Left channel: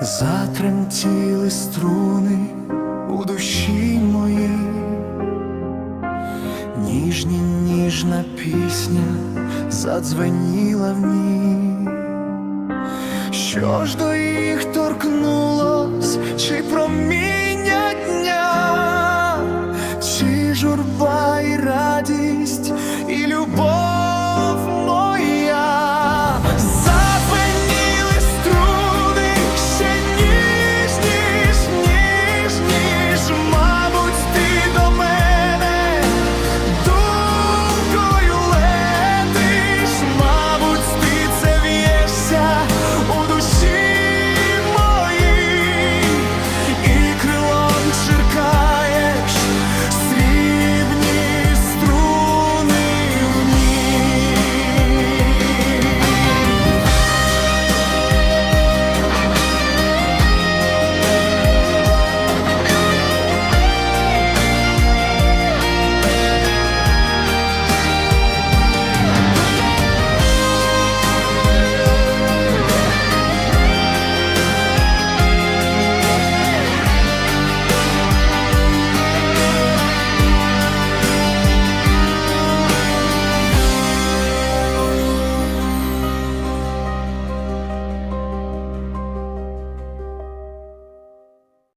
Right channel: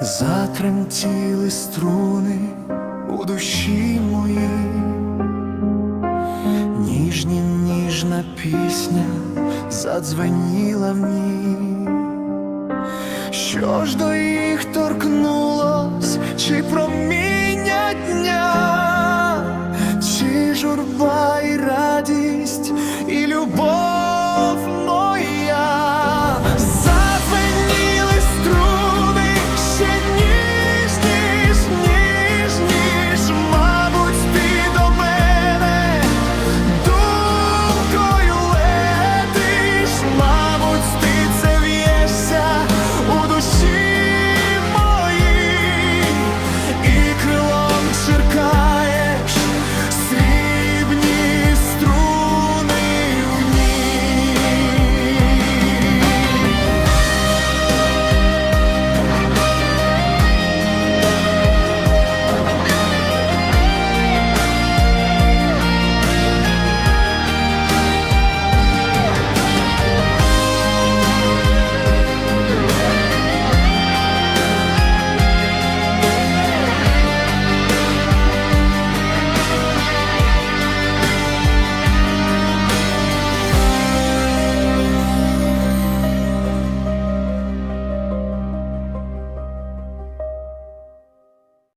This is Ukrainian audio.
затремтіли струни у душі мої, ніжні ніжна пісня задзвеніла в ній, що ж до їх торкнулось, чи проміння дня, чи журба і радість, і любов.